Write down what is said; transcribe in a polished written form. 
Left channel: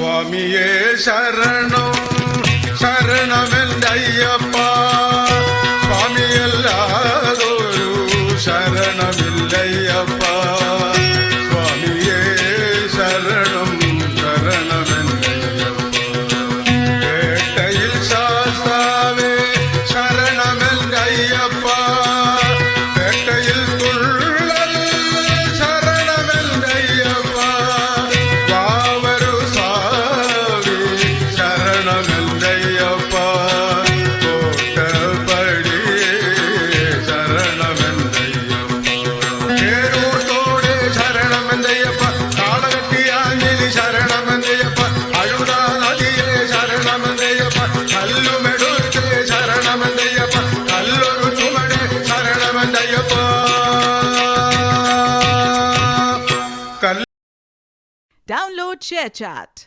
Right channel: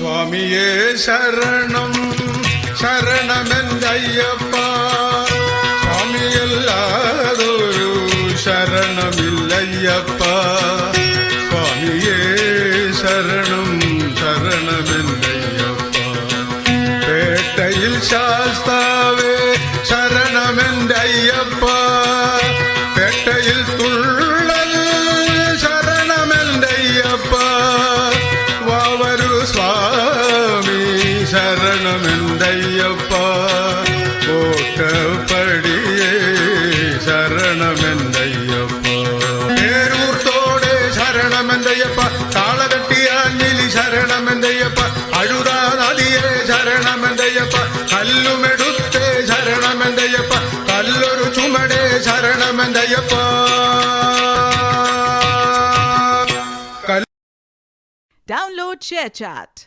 സ്വാമിയേ ശരണം ശരണമെന്തയ്യപ്പ സ്വാമിയല്ലാതൊരു ശരണമില്ലയ്യപ്പ സ്വാമിയേ ശരണം ശരണമെന്തയ്യപ്പ പേട്ടയിൽ ശാസ്താവേ ശരണമെന്തയ്യപ്പ പേട്ടയിൽ തുള്ളൽ ശരണമെന്തയ്യപ്പ കാവരു സ്വാമി ശരണമെന്തയ്യപ്പ കോട്ടപ്പടിയേ ശരണമെന്തയ്യപ്പ പേരൂർത്തോടെ ശരണമെന്തയ്യപ്പ താളകെട്ടിയാഞ്ഞിലി ശരണമെന്തയ്യപ്പ അഴുറ നദിയെ ശരണമെന്തയ്യപ്പ കല്ലുമെടുത്ത് ശരണമെന്തയ്യപ്പ കല്ലൊരു ചുമടെ ശരണമെന്തയ്യപ്പ Download ShareChat.